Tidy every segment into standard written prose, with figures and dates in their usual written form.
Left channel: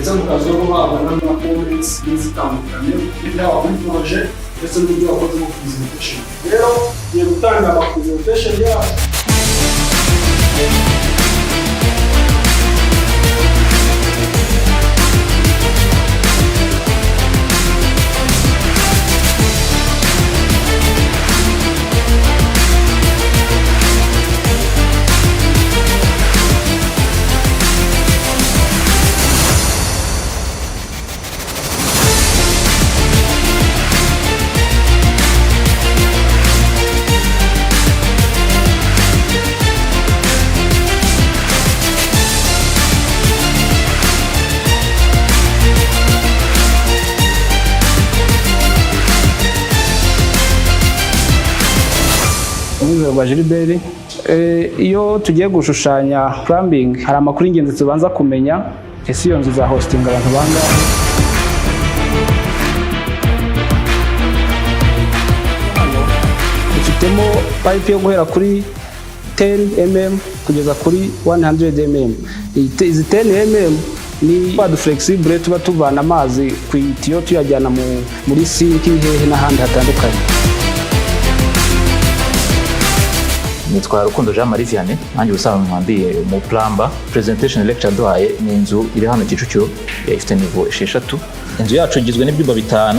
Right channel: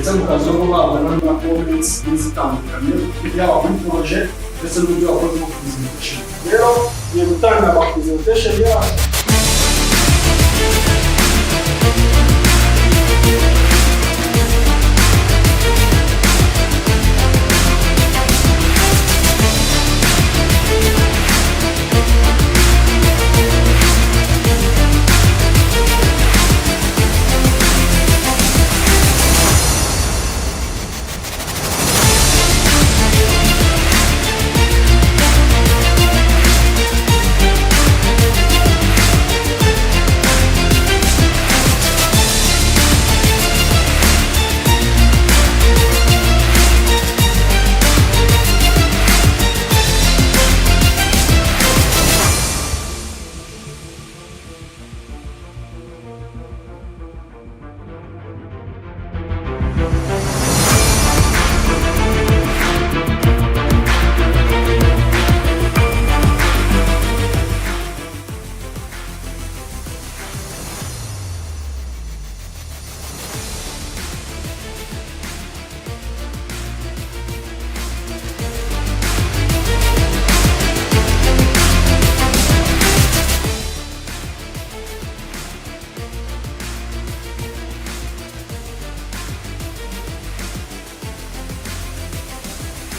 ndetse mukaza no babona na comments n'izitandukanye yaba muri projet ndetse n'uburyo wakoze mu presentation. Rero ngiye gutanga ama presentation yacu. Iyo tugiye gushushanya plumbing hari amakuru y'ingenzi tubanza kumenya. Ese iyo nzu za hosting abantu banga ifitemo pipe yo guhera kuri 10 mm kugeza kuri 100 mm. Izi 10 mm ni pad flexible tuba tuvana amazi ku itiyo tuyajyana muri sink n'ahandi hatandukanye. Nitwa Rukundo Jean Marie Vianney, nanjye ubusanzwe mwambiye mu plumber. Presentation lecture duhaye ni inzu iri hano Kicukiro ifite niveau 6. Inzu yacu igizwe n'ibyumba 5,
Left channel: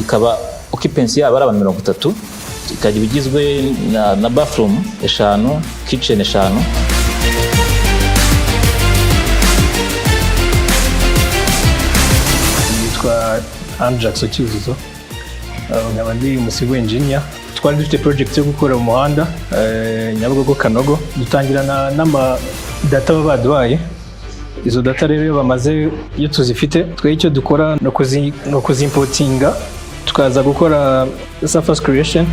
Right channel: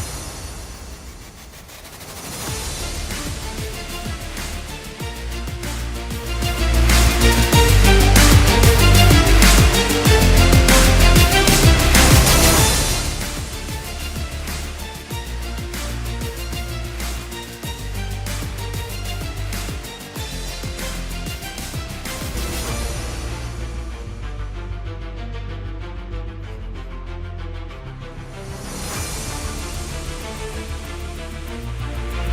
ikaba occupancy yaba ari abantu 30, ikagira igizwe na bathroom 5, kitchen 5. Nitwa Jackson Cyuzuzo, nkaba ndi umusigo engineer. Twari dufite project yo gukora mu muhanda Nyabugogo Kanogo, dutangirana n'ama data baduhaye. Izo data rero bamaze iyo tuzifite twe icyo dukora no kuzimportinga tukaza gukora surface creation.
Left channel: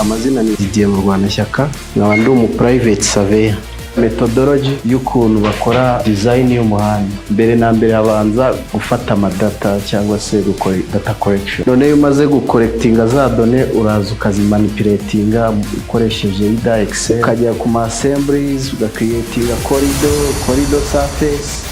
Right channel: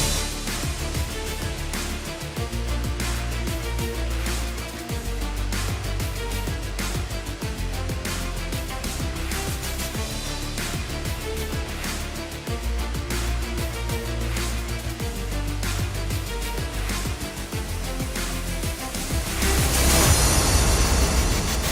Amazina ni Didier mu Rwanda Shyaka, nkaba ndi umu private surveyor. Methodology y'ukuntu bakora design y'umuhanda, mbere na mbere abanza gufata amadata cyangwa se gukora data collection. None iyo umaze gucollectinga za données uraza ukazimanipulatinga ukoresheje ida Excel, ukajya ku ma assemblies ugacreatinga corridor surface.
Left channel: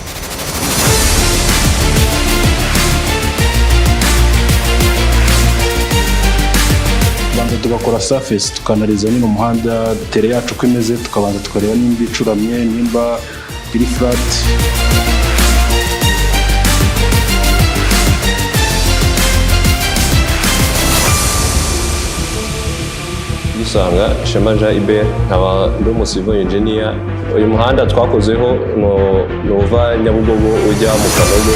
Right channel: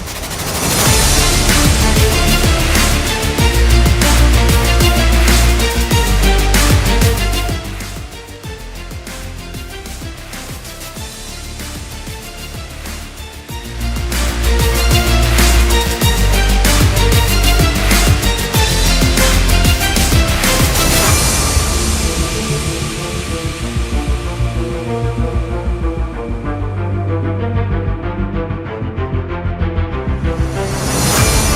Tugakora surface tukanaliza nyine umuhanda tere yacu uko imeze, tukabanza tukareba nimba icuramye, nimba iri flat. Usanga Shema Jean Iber, nkaba ndi umusivo engineer. Uyu muhanda twakozeho nova Nyabugogo ujya mu Kanogo.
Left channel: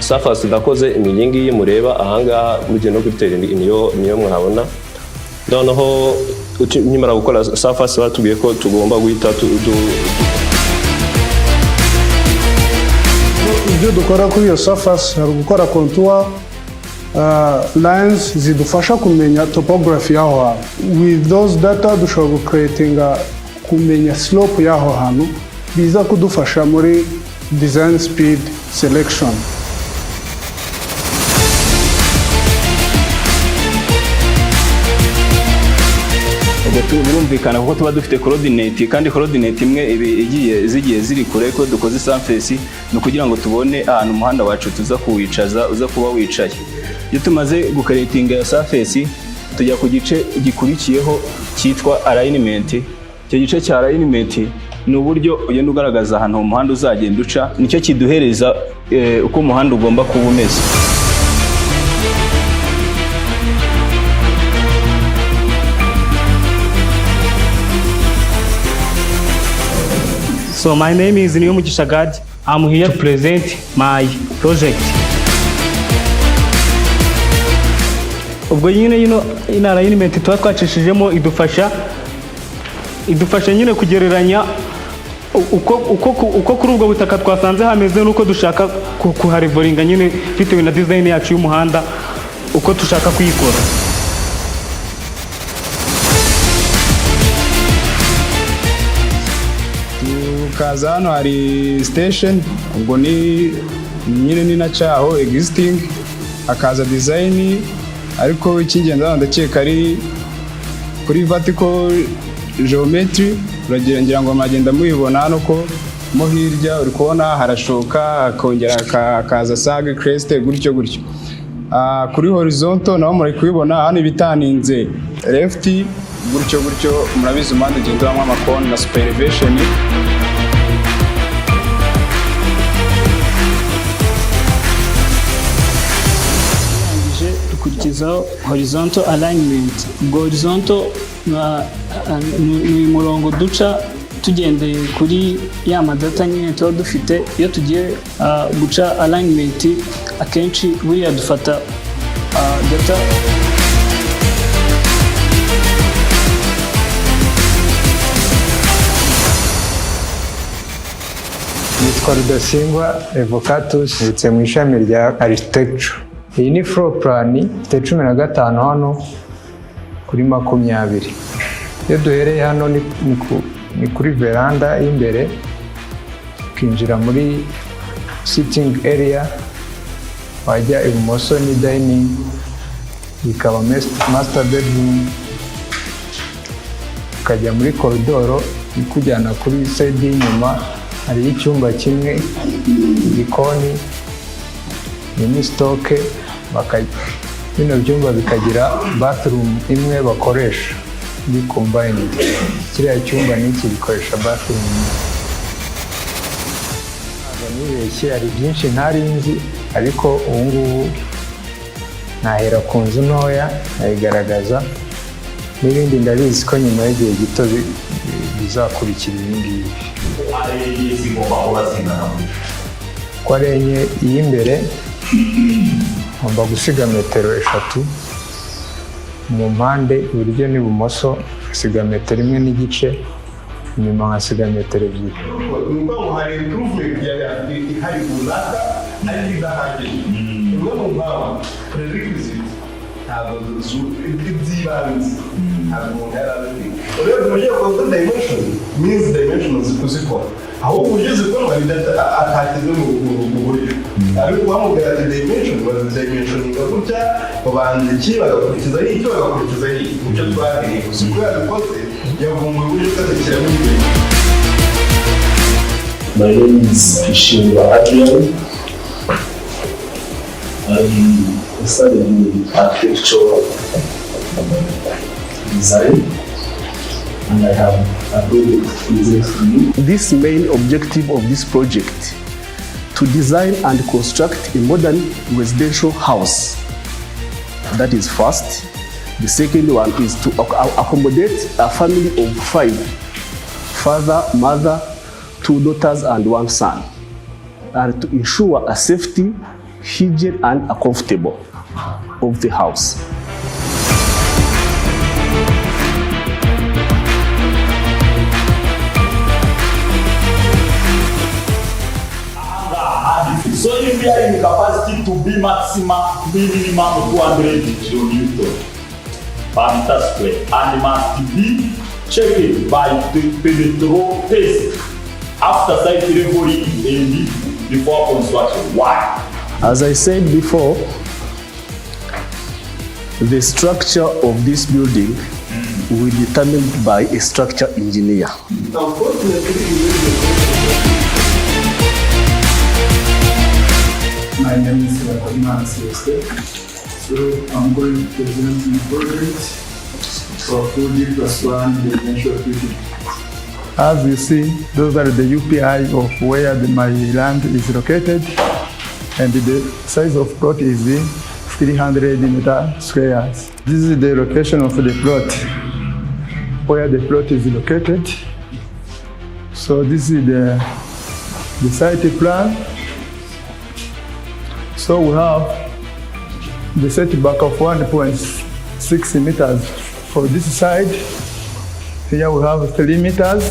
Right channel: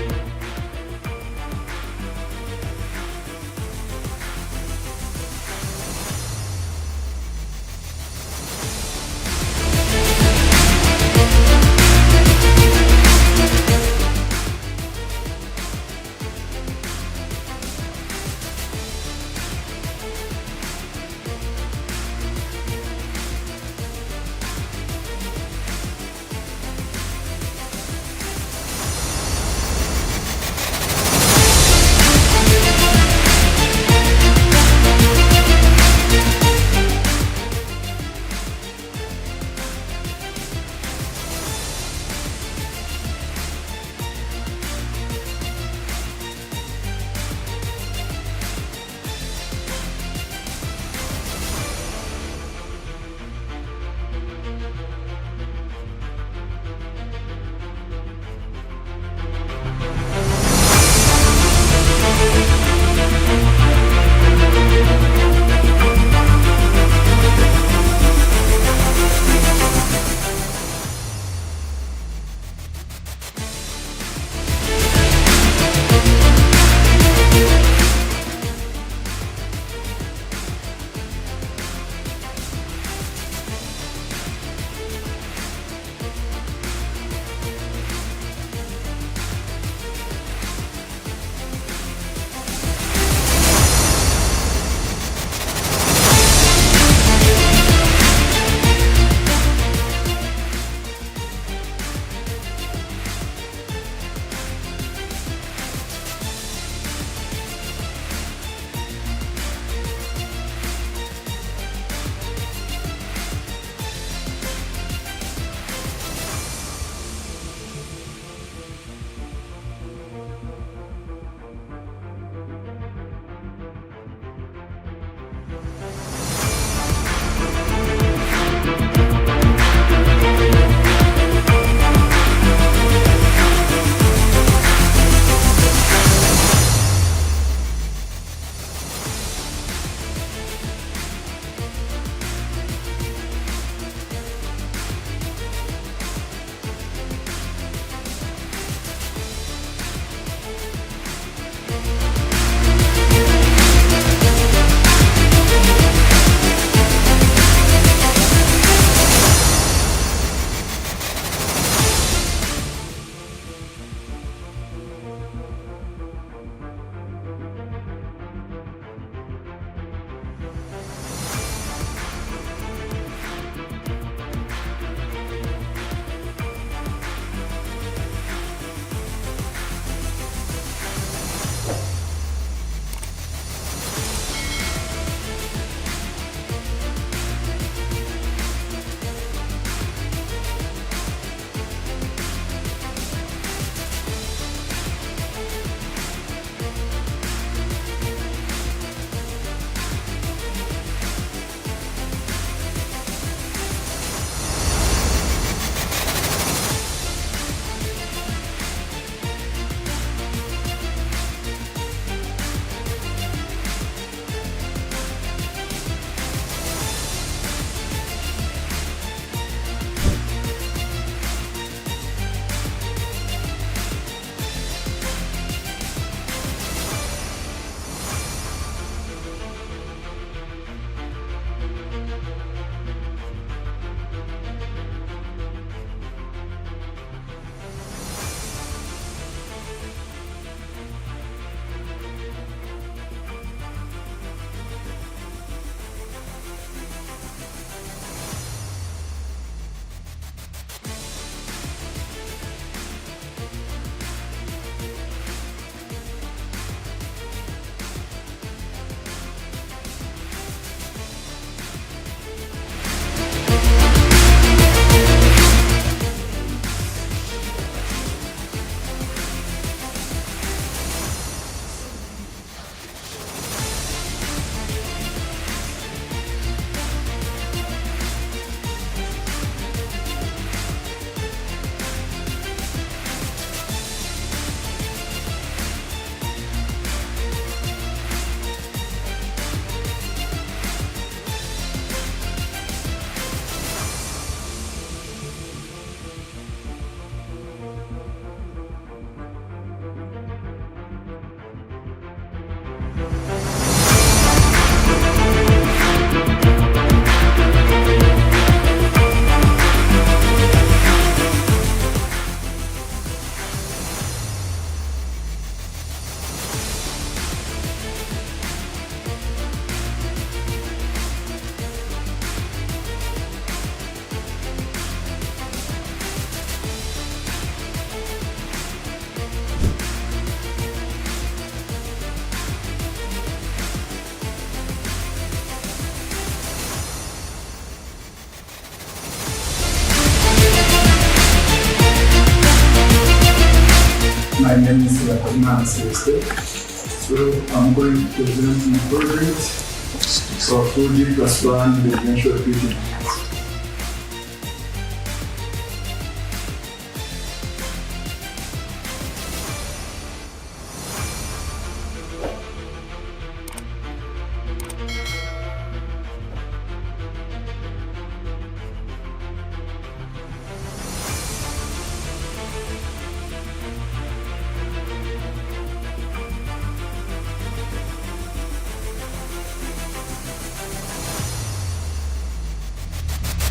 Surface ndakoze imigingi y'imureba ahangaha mujye no gutera niyo murabona. Noneho nyimara gukora surface batubwiye ko tugomba guhita ibyo dukora kuri iyo surface hari gukora contour lines zidufasha kumenya topography yaho hantu. With those data dushobora gucreatinga kumenya slope yaho hantu biza kudufasha muri design speed selection. Birumvikana kuko tuba dufite coordinate, kandi coordinate imwe zigiye ziri kure ko dukoze surface no kugira ngo tubone ahantu umuhanda wacu tuza kuwicaza uza kuba wicaye. Iyo tumaze gucreatinga surface tujya ku gice gikurikiyeho cyitwa alignment. Icyo gice cya alignment ni uburyo ugenda ugaragaza ahantu umuhanda uzagenda uca, nicyo kiduhereza uko umuhanda ugomba kuba umeze. So my name is Nziza God. I'm here to present my project. Ubwo nyine ino alignment twacishijemo idufasha nyine kugereranya uko kuri ubwo butaka twasanze hameze nuko dushaka kuharivoringa nyine bitewe na design yacu y'umuhanda uko dushaka kuyikora. Kaza hano hari station, ubwo ni nyine ni na cyaho existing hakaza design, ariko icy'ingenzi hano ndakeka ari kuri vertical geometry. Uragira ngo mwagenda mubibona hano ko mo hirya uri kubona harashoka hakongera hakaza sage crest gutyo. Kuri horizontal naho muri kubibona hano ibitaninze left gutyo, murabizi impande ugendamo amakoni na super elevation. Dukurikizaho horizontal alignment. Ubwo horizontal ni umurongo duca tugendeye kuri ya madata nyine tuba dufite. Iyo tugiye guca alignment akenshi buriya dufata data Rudasingwa Evocatus ndetse mu ishami rya architecture. Iyi ni floor plan ifite 15 hano kuri 20. Iyo duhereye hano ni kuri veranda y'imbere, ukinjira muri sitting area, wajya ibumoso ni dining, ikaba master bedroom, ukajya muri koridoro ikujyana kuri side y'inyuma, hari icyumba kimwe, igikoni, mini stock, bino byumba bikagira bathroom imwe bakoresha ni combined. Kiriya cyumba n'iki gikoresha bathroom imwe. Hari byinshi ntari nzi, ariko ubu ngubu nahera ku nzu ntoya nayigaragaza, n'ibindi ndabizi ko nyuma y'igihe gito bizakurikira ibi ngibi. Ko ari enye iy'imbere ngomba gusiga metero 3 mu mpande iburyo n'ibumoso, ngasiga metero 1 n'igice, inyuma ngasiga metero 2. aho ugeze ko atakize mu buryo ariko bamubwira ati dimension dimension gutya babanza iki bagakurikiza icyo bagakurikiza icyo twabwiye uko yabikoze yavumbuye uburyo bw'akira muri My name is Nziza. I studied in architectural design, and I have a good physics. This main objective of this project to design and construct a modern residential house. That is first. The second one is to accommodate a family of 5, father, mother, 2 daughters and 1 son, and to ensure a safety, hygiene and a comfortable of the house. So if we are in capacity to be minimum 200 kilonewton per meter square, and must be checked by the penetrable test after site leveling is ended before construction. Why? As I said before, the structure of this building will be determined by a structure engineer. My name is Nziza. So I'm going to present my project for 4D plus 1 residential building. As you see, those are the UPI of where my land is located, and the size of plot is 300 meter squares. This is the location of the plot, where the plot is located. So this is the site plan. So we have the setback of 1.6 meters for this side. Here we have 3 meters.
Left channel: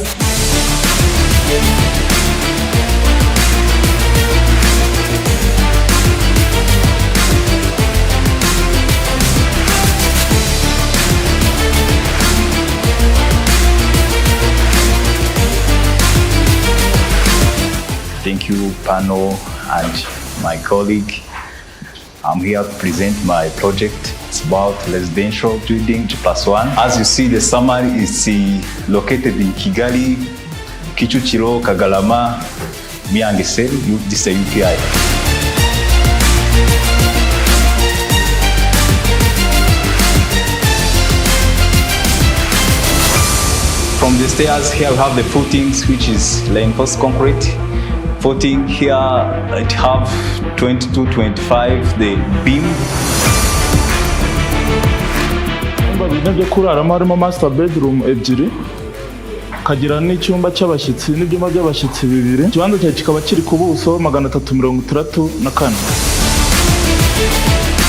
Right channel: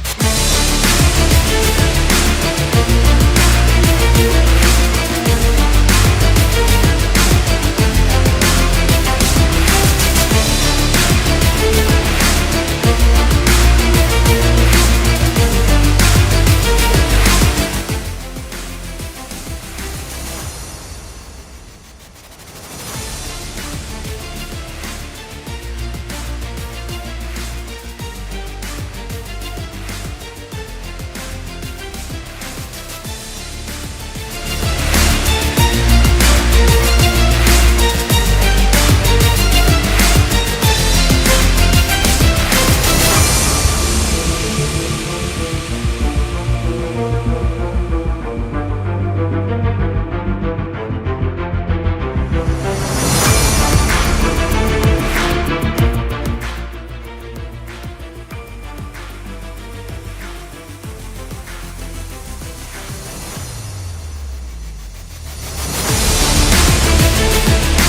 Thank you, panel and my colleague. I'm here to present my project. It's about residential building G+1. As you see, the summary is located in Kigali, Kicukiro, Kagalama, Miangiseri. This is a UPI. From the stairs here we have the footings, which is reinforced concrete. Footing here it have 22-25 the beam. Byo kuraramo harimo master bedroom ebyiri, kagira n'icyumba cy'abashyitsi n'ibyumba by'abashyitsi bibiri. Ikibanza cyawe kikaba kiri ku buso 364.